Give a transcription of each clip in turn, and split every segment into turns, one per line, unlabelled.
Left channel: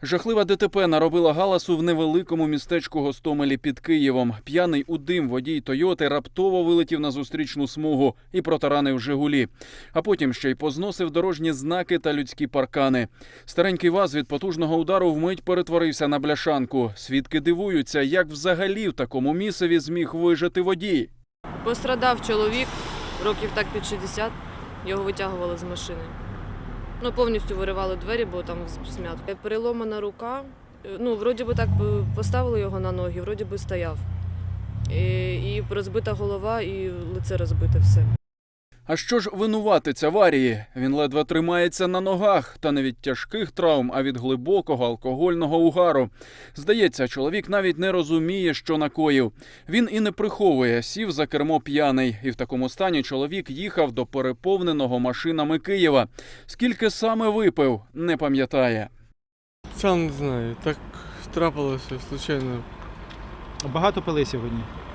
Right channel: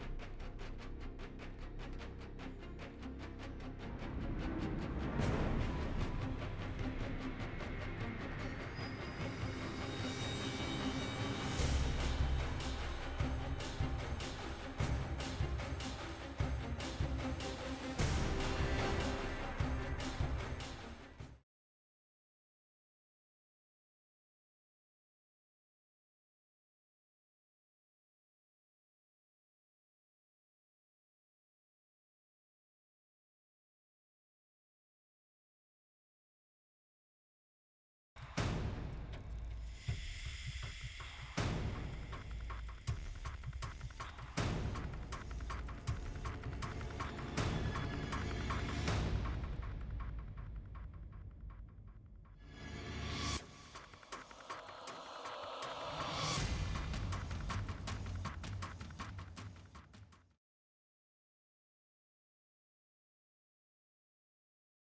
Жахлива ДТП наробила галасу в невеликому містечку Гостомелі під Києвом. П'яний у дим водій «Тойоти» раптово вилетів на зустрічну смугу і протаранив «Жигулі». А потім ще й позносив дорожні знаки та людські паркани. Старенький ВАЗ від потужного удару вмить перетворився на бляшанку. Свідки дивуються, як взагалі в такому місцеві зміг вижити водій.
Пострадав чоловік, років так під 60, його витягували з машини. Повністю виривали двері, бо там смятка. Переломана рука, вроді би так поставили його на ноги, вроді би стояв. І розбита голова, і лице розбите все.
А що ж винуватець аварії? Він ледве тримається на ногах, та не від тяжких травм, а від глибокого алкогольного угару. Здається, чоловік навіть не розуміє, що накоїв. Він і не приховує, сів за кермо п'яний. І в такому стані чоловік їхав до переповненого машинами Києва. Скільки саме випив, не пам'ятає.
Сам не знаю, так трапилося, случайно.
Багато пили сьогодні?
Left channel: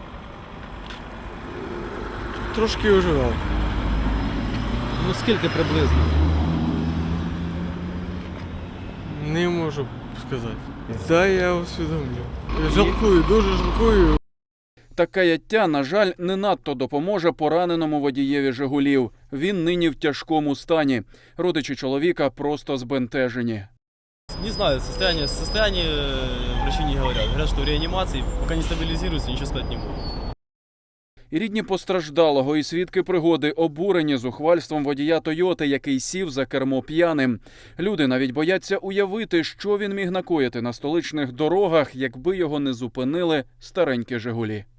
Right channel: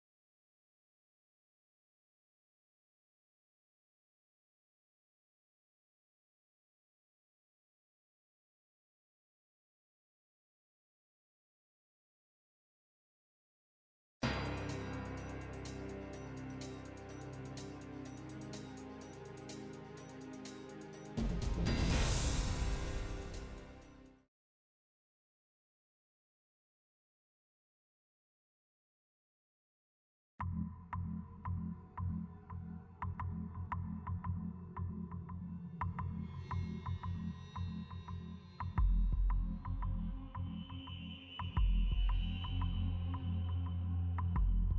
Трошки уживав.
Скільки приблизно?
Не можу сказати. Да, я усвідомлю. Жалкую, дуже жалкую.
Та каяття, на жаль, не надто допоможе пораненому водієві «Жигулів». Він нині в тяжкому стані. Родичі чоловіка просто збентежені.
Не знаю, состояние врачи не говорят. Говорят, что в реанимации, пока не стабилизируется, ничего сказать не могут.
І рідні постраждалого, і свідки пригоди обурені зухвальством водія «Тойоти», який сів за кермо п'яним. Люди навіть бояться уявити, що він міг накоїти на столичних дорогах, якби його не зупинили старенькі «Жигулі».